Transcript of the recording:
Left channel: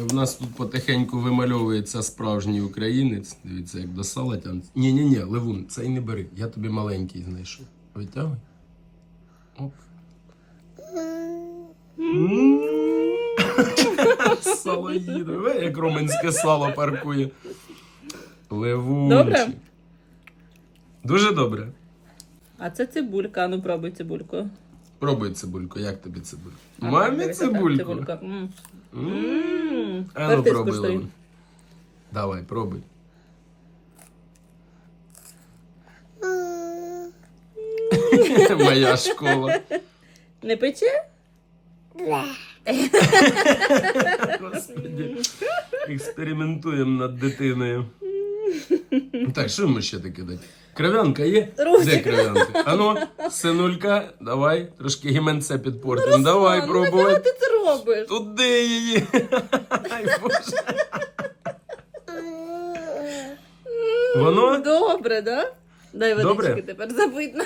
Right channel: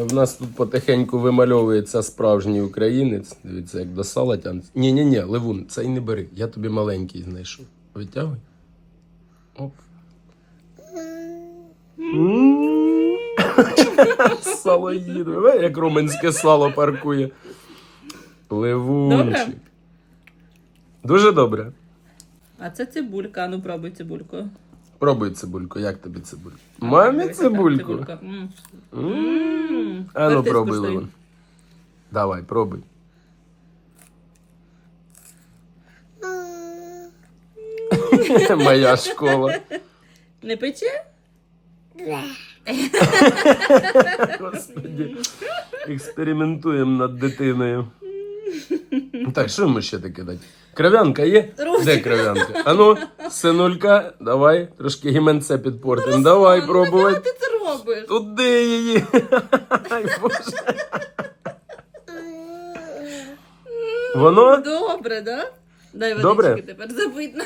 Але в нас тут потихеньку вимальовується справжній українець. Дивіться, як до сала тянеться. Ні, ні, ні, Левун, цей не бери. Я тобі маленький знайшов. Витягуй. Оп. Сало їде. Ой, Як румунське сало паркує. Левунчик. Добре? Дуже добре. А це цибулька. Ну пробуй цибульку. Пробуй цибульку, як тобі цибулька? Мамі цибульку. М. М. М. А ну Тепер ти скуштуй. Давай, пробуй. Моя школа. Не пече? Експериментуємо над дитиною. Так, що ми ще таке дати? Кров'янка є? Де кров'янка? Ану, синулька, давай, трошки гіменця підпортимо. давай, ну пробуй. Робиш? Туди її. Воно? Добре, да? Дай Добре? водички тепер забитно.